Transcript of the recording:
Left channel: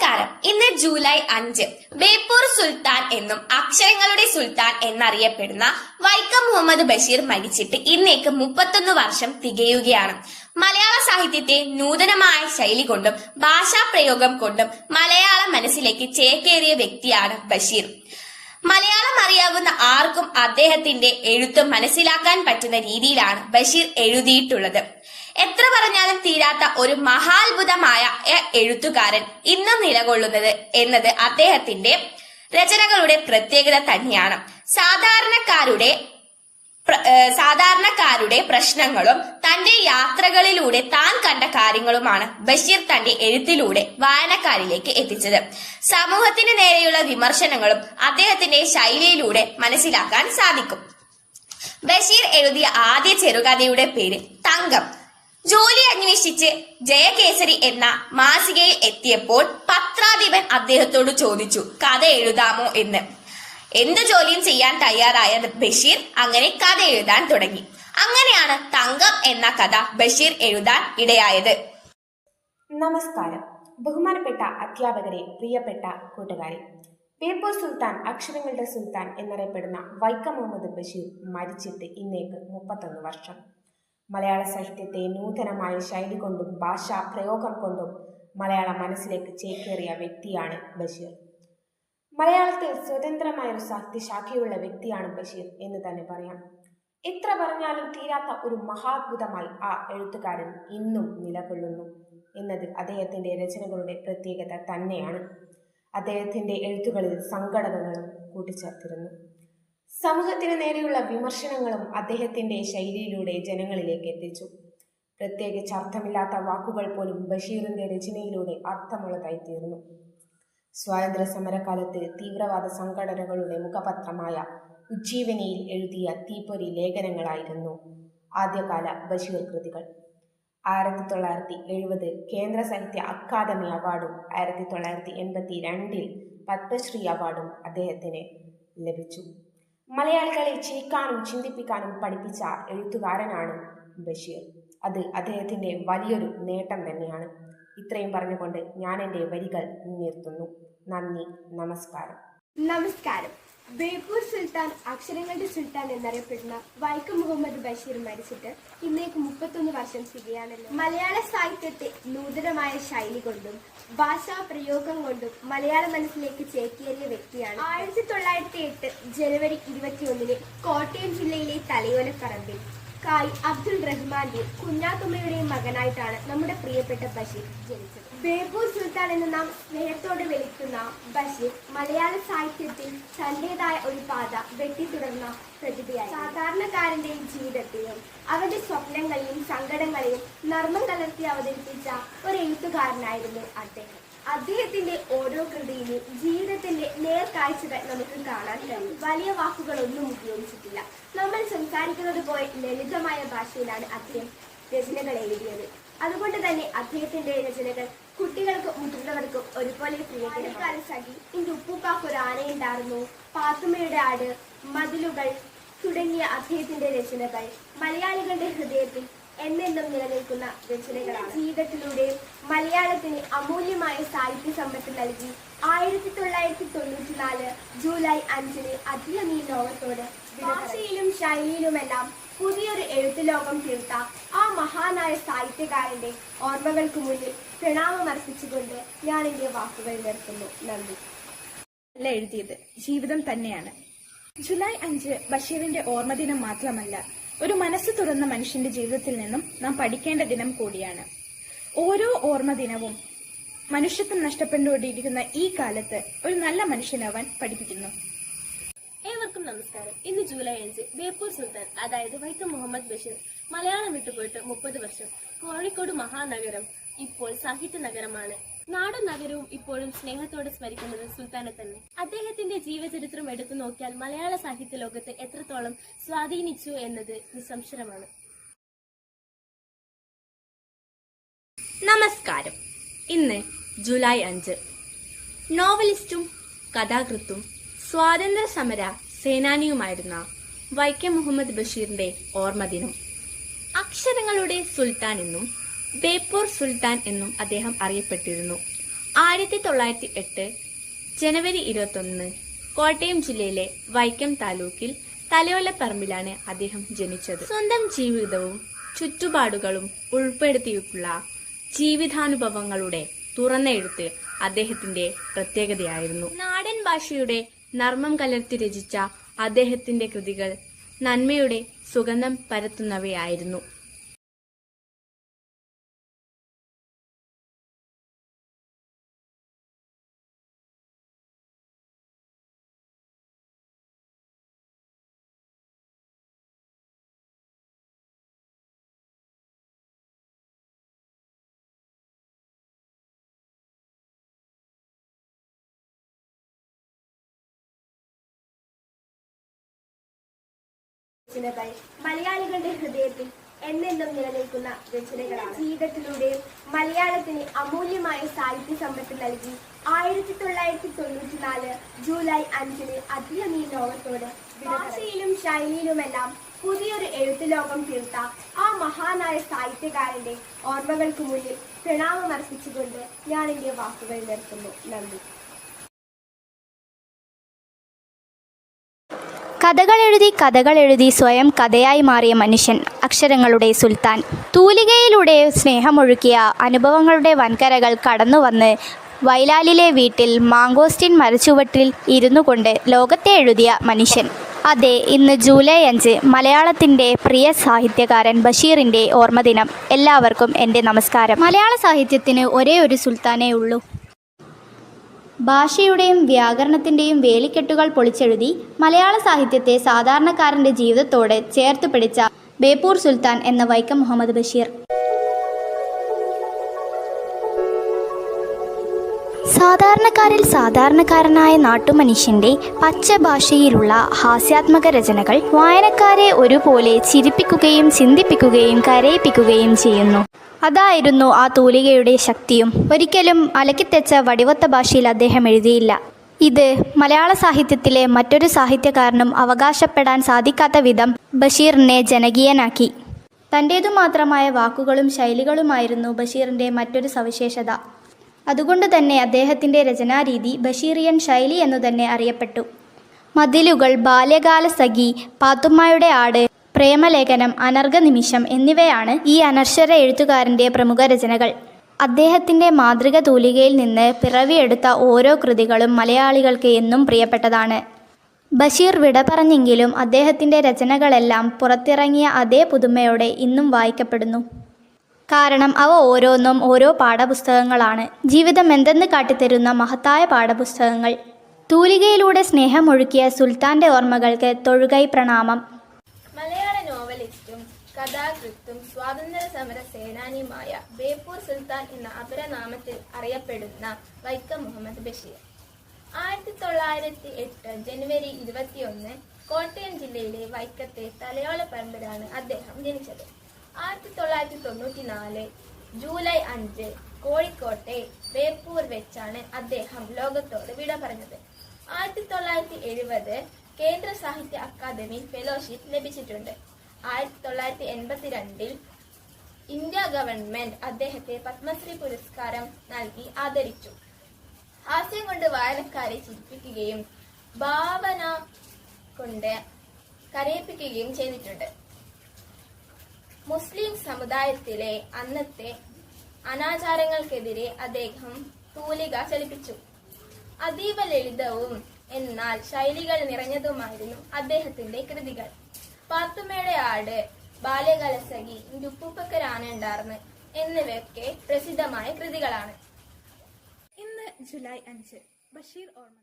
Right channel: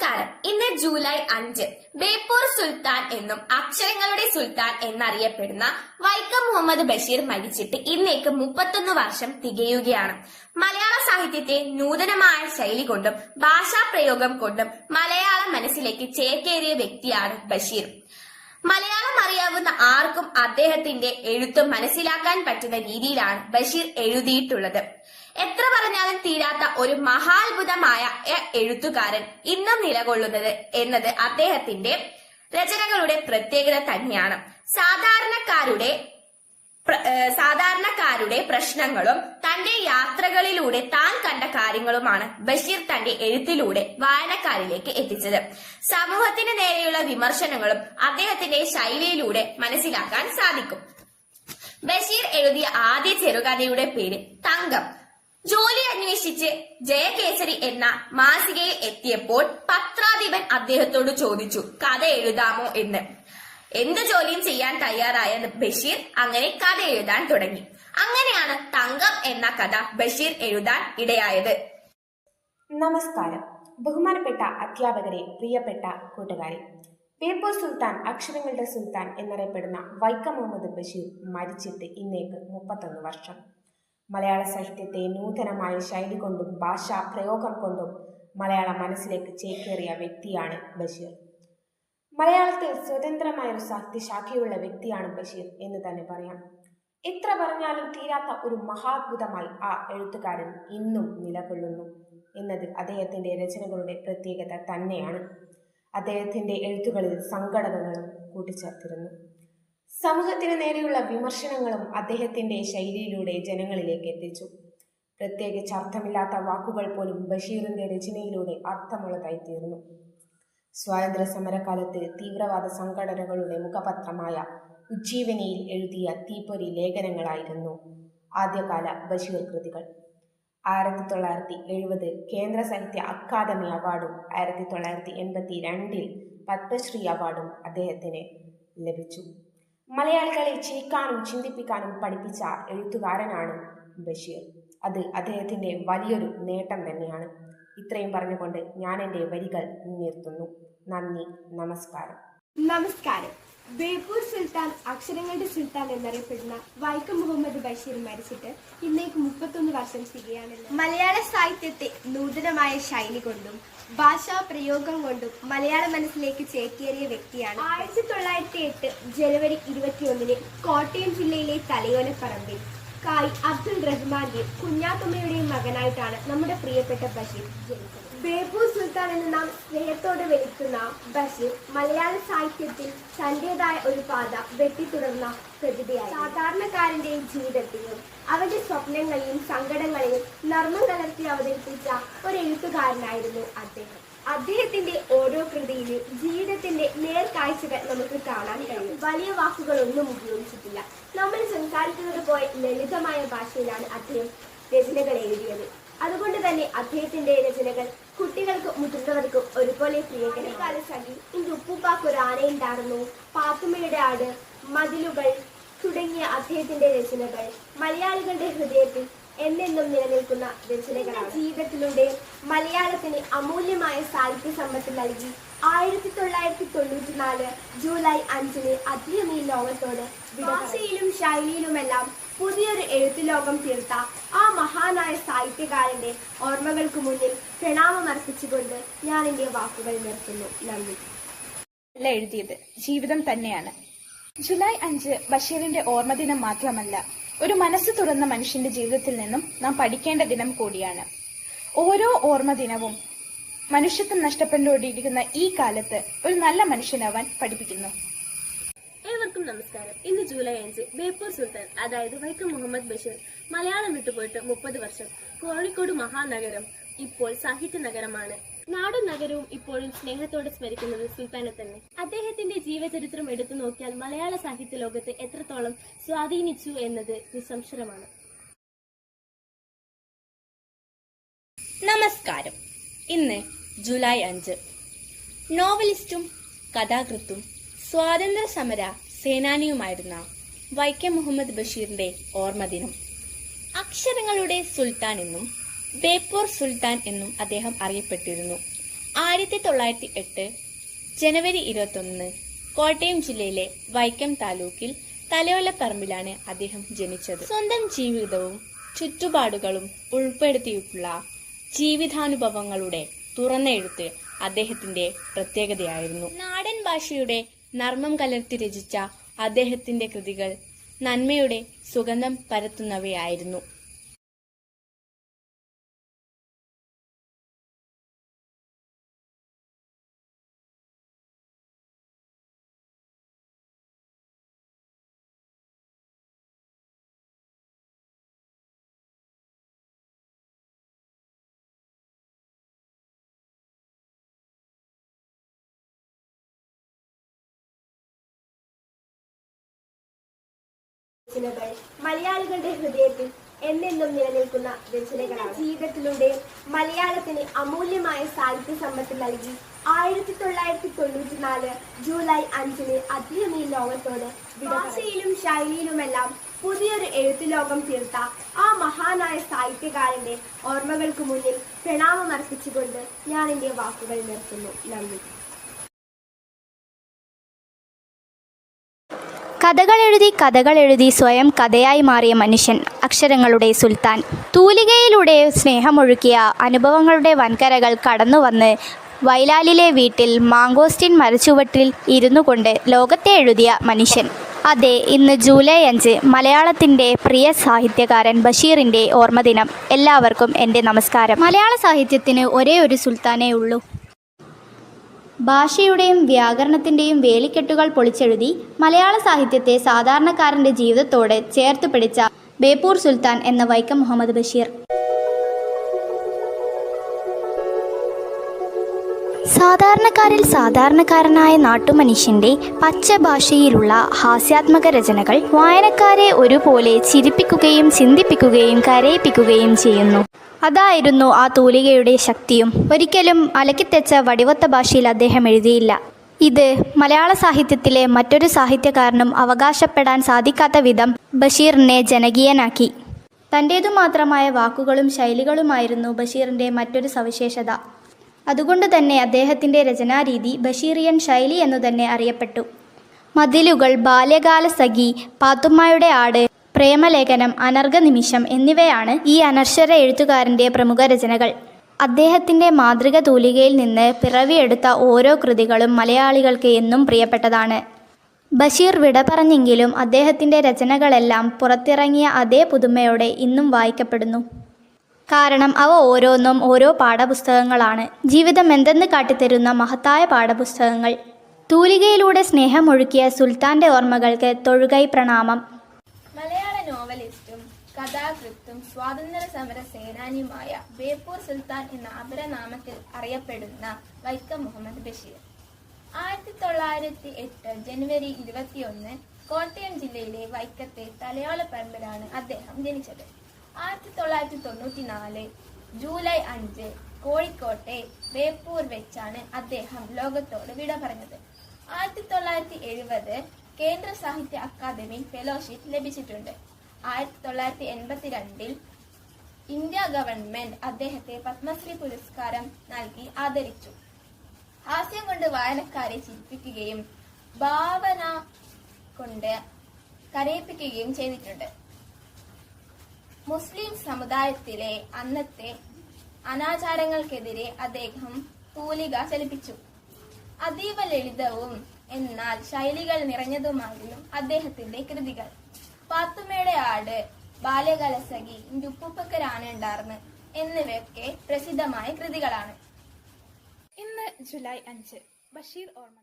നമസ്കാരം. ഇന്ന് ജൂലൈ അഞ്ച്. ബേപ്പൂർ സുൽത്താൻ എന്നും അക്ഷരങ്ങളുടെ സുൽത്താൻ എന്നറിയപ്പെടുന്ന വൈക്കം മുഹമ്മദ് ബഷീർ മരിച്ചിട്ട് ഇന്നേക്ക് മുപ്പത്തൊന്ന് വർഷം തികയുകയാണ്. മലയാള സാഹിത്യത്തെ നൂതനമായ ശൈലി കൊണ്ടും ഭാഷാ പ്രയോഗം കൊണ്ടും മലയാള മനസ്സിലേക്ക് ചേക്കേറിയ വ്യക്തിയാണ് ബഷീർ. മലയാളം അറിയാവുന്ന ആർക്കും അദ്ദേഹത്തിന്റെ എഴുത്ത് മനസ്സിലാക്കാൻ പറ്റുന്ന രീതിയിലാണ് ബഷീർ എഴുതിയിട്ടുള്ളത്. എത്ര പറഞ്ഞാലും തീരാത്ത ഒരു മഹാത്ഭുതമായ എഴുത്തുകാരൻ ഇന്നും നിലകൊള്ളുന്നത് എന്നത് അദ്ദേഹത്തിന്റെ രചനകളുടെ പ്രത്യേകത തന്നെയാണ്. സാധാരണക്കാരുടെ സാധാരണക്കാരുടെ പ്രശ്നങ്ങളും തന്റെ യാത്രകളിലൂടെ താൻ കണ്ട കാര്യങ്ങളുമാണ് ബഷീർ തന്റെ എഴുത്തിലൂടെ വായനക്കാരിലേക്ക് എത്തിച്ചത്. സമൂഹത്തിന് നേരെയുള്ള വിമർശനങ്ങളും അദ്ദേഹത്തിന്റെ ശൈലിയിലൂടെ മനസ്സിലാക്കാൻ സാധിക്കും. ബഷീർ എഴുതിയ ആദ്യ ചെറുകഥയുടെ പേര് തങ്കം. ജോലി അന്വേഷിച്ച് ജയകേസരി എന്ന മാസികയിൽ എത്തിയപ്പോൾ പത്രാധിപൻ അദ്ദേഹത്തോട് ചോദിച്ചു കഥ എഴുതാമോ എന്ന്? എന്ത് ജോലിയും ചെയ്യാൻ തയ്യാറായ ബഷീർ അങ്ങനെ കഥ എഴുതാൻ തുടങ്ങി. അങ്ങനെയാണ് തങ്കം എന്ന കഥ ബഷീർ എഴുതാൻ ഇടയായത്. നമസ്കാരം. ബഹുമാനപ്പെട്ട അധ്യാപകരെ പ്രിയപ്പെട്ട കൂട്ടുകാരെ ബേപ്പൂർ സുൽത്താൻ അക്ഷരങ്ങളുടെ സുൽത്താൻ എന്നറിയപ്പെടുന്ന വൈക്കം മുഹമ്മദ് ബഷീർ മരിച്ചിട്ട് ഇന്നേക്ക് മുപ്പത്തൊന്ന് വർഷം. മലയാള സാഹിത്യത്തെ നൂതനമായ ശൈലി കൊണ്ടും ഭാഷാ പ്രയോഗം കൊണ്ടും മലയാള മനസ്സിലേക്ക് ചേക്കേറിയ വ്യക്തിയാണ് ബഷീർ. മലയാളത്തിൽ സ്വതന്ത്രമായ ഒരു സാഹിത്യശാഖയുള്ള വ്യക്തിയാണ് ബഷീർ എന്ന് തന്നെ പറയാം. എത്ര പറഞ്ഞാലും തീരാത്ത ഒരു മഹാത്ഭുതമായി ആ എഴുത്തുകാരൻ ഇന്നും നിലകൊള്ളുന്നു എന്നത് അദ്ദേഹത്തിന്റെ രചനകളുടെ പ്രത്യേകത തന്നെയാണ്. അദ്ദേഹത്തിന്റെ എഴുത്തുകളിൽ സങ്കടതകളും കൂട്ടിച്ചേർത്തിരുന്നു. സമൂഹത്തിന് നേരെയുള്ള വിമർശനങ്ങളും അദ്ദേഹത്തിന്റെ ശൈലിയിലൂടെ ജനങ്ങളിലേക്ക് എത്തിച്ചു. പ്രത്യേകിച്ച് അർത്ഥമില്ലാത്ത വാക്കുകൾ പോലും ബഷീറിന്റെ രചനയിലൂടെ അർത്ഥമുള്ളതായി തീർന്നു സ്വാതന്ത്ര്യ സമരകാലത്ത് തീവ്രവാദ സംഘടനകളുടെ മുഖപത്രമായ ഉജ്ജീവനിയിൽ എഴുതിയ തീപ്പൊരി ലേഖനങ്ങളായിരുന്നു ആദ്യകാല ബഷീർ കൃതികൾ. ആയിരത്തി തൊള്ളായിരത്തി എഴുപത് കേന്ദ്ര സാഹിത്യ അക്കാദമി അവാർഡും ആയിരത്തി തൊള്ളായിരത്തി എൺപത്തി രണ്ടിൽ പത്മശ്രീ അവാർഡും അദ്ദേഹത്തിന് ലഭിച്ചു. മലയാളികളെ ചിരിക്കാനും ചിന്തിപ്പിക്കാനും പഠിപ്പിച്ച എഴുത്തുകാരനാണ് ബഷീർ. അത് അദ്ദേഹത്തിന്റെ വലിയൊരു നേട്ടം തന്നെയാണ്. ഇത്രയും പറഞ്ഞുകൊണ്ട് ഞാൻ എന്റെ വരികൾ നിർത്തുന്നു. നന്ദി നമസ്കാരം. നമസ്കാരം. ബേപ്പൂർ സുൽത്താൻ അക്ഷരങ്ങളുടെ സുൽത്താൻ എന്നറിയപ്പെടുന്ന വൈക്കം മുഹമ്മദ് ബഷീർ മരിച്ചിട്ട് ഇന്നേക്ക് മുപ്പത്തൊന്ന് വർഷം തികയാണല്ലോ മലയാള സാഹിത്യത്തെ നൂതനമായ ശൈലി കൊണ്ടും ഭാഷാ പ്രയോഗം കൊണ്ടും മലയാള മനസ്സിലേക്ക് ചേക്കേറിയ വ്യക്തിയാണ് ആയിരത്തി തൊള്ളായിരത്തി എട്ട് ജനുവരി ഇരുപത്തിയൊന്നിന് കോട്ടയം ജില്ലയിലെ തലയോലപ്പറമ്പിൽ കായ് അബ്ദുൾ റഹ്മാന്റെ കുഞ്ഞാത്തുമ്മയുടെയും മകനായിട്ടാണ് നമ്മുടെ പ്രിയപ്പെട്ട ബഷീർ ജനിച്ചത്. ബേപ്പൂർ സുൽത്താൻ എന്ന് നാം സ്നേഹത്തോടെ വിളിക്കുന്ന ബഷീർ മലയാള സാഹിത്യത്തിൽ തന്റേതായ ഒരു പാത വെട്ടിത്തുടർന്ന പ്രതിഭയായി സാധാരണക്കാരന്റെയും ജീവിതത്തെയും അവന്റെ സ്വപ്നങ്ങളെയും സങ്കടങ്ങളെയും നർമ്മം കലർത്തി അവതരിപ്പിച്ച ഒരു എഴുത്തുകാരനായിരുന്നു അദ്ദേഹം. അദ്ദേഹത്തിന്റെ ഓരോ കൃതിയിലും ജീവിതത്തിന്റെ നേർക്കാഴ്ചകൾ നമുക്ക് കാണാൻ കഴിയും. വലിയ വാക്കുകളൊന്നും ഉപയോഗിച്ചിട്ടില്ല. നമ്മൾ സംസാരിക്കുന്നത് പോലെ ലളിതമായ ഭാഷയിലാണ് അദ്ദേഹം രചനകൾ എഴുതിയത്. അതുകൊണ്ട് തന്നെ അദ്ദേഹത്തിന്റെ രചനകൾ കുട്ടികൾക്കും മുതിർന്നവർക്കും ഒരുപോലെ പ്രിയകരകാല സഖി ഇന്റെ ഉപ്പുപ്പാക്ക് ഒരു ആനയുണ്ടായിരുന്നു പാത്തുമ്മയുടെ ആട് മതിലുകൾ തുടങ്ങിയ അദ്ദേഹത്തിന്റെ രചനകൾ മലയാളികളുടെ ഹൃദയത്തിൽ എന്നെന്നും നിലനിൽക്കുന്ന രചനകളാണ്. ജീവിതത്തിലൂടെ മലയാളത്തിന് അമൂല്യമായ സാഹിത്യ സമ്പത്ത് നൽകി ആയിരത്തി തൊള്ളായിരത്തി തൊണ്ണൂറ്റി നാല് ജൂലൈ അഞ്ചിന് അദ്ദേഹം ഈ ലോകത്തോട് ഭാഷയിലും ശൈലിയിലുമെല്ലാം പുതിയൊരു എഴുത്തു ലോകം തീർത്ത ആ മഹാനായ സാഹിത്യകാരന്റെ ഓർമ്മകൾക്ക് മുന്നിൽ പ്രണാമമർപ്പിച്ചുകൊണ്ട് ഞാൻ എന്റെ വാക്കുകൾ നിർത്തുന്നു. നന്ദി. അല്ല എഴുതിയത് ജീവിതം തന്നെയാണ്. ജൂലൈ അഞ്ച് ബഷീറിന്റെ ഓർമ്മദിനം മാത്രമല്ല ഒരു മനസ്സ് തുറന്ന മനുഷ്യന്റെ ജീവിതത്തിൽ നിന്നും നാം പഠിക്കേണ്ട ദിനം കൂടിയാണ്. ഓരോ ഓർമ്മ ദിനവും മനുഷ്യത്വം നഷ്ടപ്പെട്ടുകൊണ്ടിരിക്കുന്ന ഈ കാലത്ത് ഒരു നല്ല മനുഷ്യനാവാൻ പഠിപ്പിക്കുന്നു. ഏവർക്കും നമസ്കാരം. ഇന്ന് ജൂലൈ അഞ്ച് ബേപ്പൂർ സുൽത്താൻ അതായത് വൈക്കം മുഹമ്മദ് ബഷീർ മലയാളം വിട്ടുപോയിട്ട് മുപ്പത് വർഷം കോഴിക്കോട് മഹാനഗരം ഇപ്പോൾ സാഹിത്യ നഗരമാണ്. നാടും നഗരവും ഇപ്പോഴും സ്നേഹത്തോടെ സ്മരിക്കുന്നത് സുൽത്താനെ തന്നെ. അദ്ദേഹത്തിന്റെ ജീവചരിത്രം എടുത്തു നോക്കിയാൽ മലയാള സാഹിത്യ ലോകത്ത് എത്രത്തോളം സ്വാധീനിച്ചു എന്നത് നിസ്സംശയമാണ്. നമസ്കാരം. ഇന്ന് ജൂലൈ അഞ്ച്. നോവലിസ്റ്റും കഥാകൃത്തും സ്വാതന്ത്ര്യ സമര സേനാനിയുമായിരുന്ന വൈക്കം മുഹമ്മദ് ബഷീറിന്റെ ഓർമ്മദിനം അക്ഷരങ്ങളുടെ സുൽത്താൻ എന്നും ബേപ്പൂർ സുൽത്താൻ എന്നും അദ്ദേഹം അറിയപ്പെട്ടിരുന്നു. ആയിരത്തി തൊള്ളായിരത്തി എട്ട് ജനുവരി ഇരുപത്തൊന്ന് കോട്ടയം ജില്ലയിലെ വൈക്കം താലൂക്കിൽ തലയോലപ്പറമ്പിലാണ് അദ്ദേഹം ജനിച്ചത്. സ്വന്തം ജീവിതവും ചുറ്റുപാടുകളും ഉൾപ്പെടുത്തിയിട്ടുള്ള ജീവിതാനുഭവങ്ങളുടെ തുറന്ന എഴുത്ത് അദ്ദേഹത്തിന്റെ പ്രത്യേകതയായിരുന്നു. നാടൻ ഭാഷയുടെ നർമ്മം കലർത്തി രചിച്ച അദ്ദേഹത്തിന്റെ കൃതികൾ നന്മയുടെ സുഗന്ധം പരത്തുന്നവയായിരുന്നു. രചനകൾ മലയാളികളുടെ ഹൃദയത്തിൽ എന്നെന്നും നിലനിൽക്കുന്ന രചനകളാണ്. ജീവിതത്തിലൂടെ മലയാളത്തിന് അമൂല്യമായ സാഹിത്യ സമ്പത്ത് നൽകി ആയിരത്തി തൊള്ളായിരത്തി തൊണ്ണൂറ്റി നാല് ജൂലൈ അഞ്ചിന് അദ്ദേഹം ഈ ലോകത്തോട് ഭാഷയിലും ശൈലിയിലുമെല്ലാം പുതിയൊരു എഴുത്തു ലോകം തീർത്ത ആ മഹാനായ സാഹിത്യകാരന്റെ ഓർമ്മകൾക്ക് മുന്നിൽ പ്രണാമം അർപ്പിച്ചുകൊണ്ട് ഞാൻ എന്റെ വാക്കുകൾ നിർത്തുന്നു. നന്ദി. കഥകൾ എഴുതി കഥകൾ എഴുതി സ്വയം കഥയായി മാറിയ മനുഷ്യൻ അക്ഷരങ്ങളുടെ സുൽത്താൻ. തൂലികയിലൂടെ സ്നേഹമൊഴുക്കിയ അനുഭവങ്ങളുടെ വൻകരകൾ കടന്നു വന്ന് വയലാലിലെ വീട്ടിൽ മാങ്കോസ്റ്റിൻ മരച്ചുവട്ടിൽ ഇരുന്നു കൊണ്ട് ലോകത്തെ എഴുതിയ മനുഷ്യൻ. അതെ ഇന്ന് ജൂലൈ അഞ്ച് മലയാളത്തിന്റെ പ്രിയ സാഹിത്യകാരൻ ബഷീറിന്റെ ഓർമ്മദിനം. എല്ലാവർക്കും എന്റെ നമസ്കാരം. മലയാള സാഹിത്യത്തിന് ഒരേ ഒരു സുൽത്താനേ ഉള്ളൂ. ഭാഷയുടെയും വ്യാകരണത്തിന്റെയും വേലിക്കെട്ടുകൾ പൊളിച്ചെഴുതി മലയാള സാഹിത്യത്തെ സാധാരണക്കാരന്റെ ജീവിതത്തോട് ചേർത്ത് പിടിച്ച ബേപ്പൂർ സുൽത്താൻ എന്ന വൈക്കം മുഹമ്മദ് ബഷീർ. സാധാരണക്കാരിൽ സാധാരണക്കാരനായ നാട്ടുമനുഷ്യന്റെ പച്ച ഭാഷയിലുള്ള ഹാസ്യാത്മക രചനകൾ വായനക്കാരെ ഒരുപോലെ ചിരിപ്പിക്കുകയും ചിന്തിപ്പിക്കുകയും കരയിപ്പിക്കുകയും ചെയ്യുന്നു. അതായിരുന്നു ആ തൂലികയുടെ ശക്തിയും. ഒരിക്കലും അലക്കിത്തെച്ച വടിവത്ത ഭാഷയിൽ അദ്ദേഹം എഴുതിയില്ല. ഇത് മലയാള സാഹിത്യത്തിലെ മറ്റൊരു സാഹിത്യകാരനും അവകാശപ്പെടാൻ സാധിക്കാത്ത വിധം ബഷീറിനെ ജനകീയനാക്കി. തന്റേതു മാത്രമായ വാക്കുകളും ശൈലികളുമായിരുന്നു ബഷീറിന്റെ മറ്റൊരു സവിശേഷത. അതുകൊണ്ട് തന്നെ അദ്ദേഹത്തിന്റെ രചനാരീതി ബഷീറിയൻ ശൈലി എന്നു തന്നെ അറിയപ്പെട്ടു. മതിലുകൾ ബാല്യകാല സഖി പാത്തുമ്മയുടെ ആട് പ്രേമലേഖനം അനർഘനിമിഷം എന്നിവയാണ് ഈ അനർശ്വര എഴുത്തുകാരന്റെ പ്രമുഖ രചനകൾ. അദ്ദേഹത്തിന്റെ മാതൃക തൂലികയിൽ നിന്ന് പിറവിയെടുത്ത ഓരോ കൃതികളും മലയാളികൾക്ക് എന്നും പ്രിയപ്പെട്ടതാണ്. ബഷീർ വിട പറഞ്ഞെങ്കിലും അദ്ദേഹത്തിന്റെ രചനകളെല്ലാം പുറത്തിറങ്ങിയ അതേ പുതുമയോടെ ഇന്നും വായിക്കപ്പെടുന്നു. കാരണം അവ ഓരോന്നും ഓരോ പാഠപുസ്തകങ്ങളാണ്. ജീവിതം എന്തെന്ന് കാട്ടിത്തരുന്ന മഹത്തായ പാഠപുസ്തകങ്ങൾ. തൂലികയിലൂടെ സ്നേഹമൊഴുക്കിയ സുൽത്താന്റെ ഓർമ്മകൾക്ക് തൊഴുകൈ പ്രണാമം. നോവലിസ്റ്റും കഥാകൃത്തും സ്വാതന്ത്ര്യ സമര സേനാനിയുമായ ബേപ്പൂർ സുൽത്താൻ എന്ന അപരനാമത്തിൽ അറിയപ്പെടുന്ന വൈക്കം മുഹമ്മദ് ബഷീർ. ആയിരത്തി തൊള്ളായിരത്തി എട്ട് ജനുവരി ഇരുപത്തിയൊന്ന് കോട്ടയം ജില്ലയിലെ വൈക്കത്തെ തലയോള പരമ്പരാണ് അദ്ദേഹം ജനിച്ചത്. ആയിരത്തി തൊള്ളായിരത്തി തൊണ്ണൂറ്റി നാല് ജൂലൈ അഞ്ച് കോഴിക്കോട്ടെ ബേപ്പൂർ വെച്ചാണ് അദ്ദേഹം ലോകത്തോട് വിട പറഞ്ഞത്. ആയിരത്തി തൊള്ളായിരത്തി എഴുപത് കേന്ദ്ര സാഹിത്യ അക്കാദമി ഫെലോഷിപ്പ് ലഭിച്ചിട്ടുണ്ട്. ആയിരത്തി തൊള്ളായിരത്തി എൺപത്തിരണ്ടിൽ ഇന്ത്യ ഗവൺമെന്റ് അദ്ദേഹത്തെ പത്മശ്രീ പുരസ്കാരം നൽകി ആദരിച്ചു. ഹാസ്യം കൊണ്ട് വായനക്കാരെ ചിരിപ്പിക്കുകയും ഭാവന കൊണ്ട് കരയിപ്പിക്കുകയും ചെയ്തിട്ടുണ്ട്. മുസ്ലിം സമുദായത്തിലെ അന്നത്തെ അനാചാരങ്ങൾക്കെതിരെ അദ്ദേഹം തൂലിക ചലിപ്പിച്ചു. അതീവ ലളിതവും എന്നാൽ ശൈലികൾ നിറഞ്ഞതുമായിരുന്നു അദ്ദേഹത്തിന്റെ കൃതികൾ. പാത്തുമ്മയുടെ ആട് ബാല്യകലസഖി ഉപ്പുപ്പക്കരാണ് ഉണ്ടാർന്ന് എന്നിവയൊക്കെ പ്രസിദ്ധമായ കൃതികളാണ്. ഇന്ന് ജൂലൈ അഞ്ച് ബഷീർ ഓർമ്മ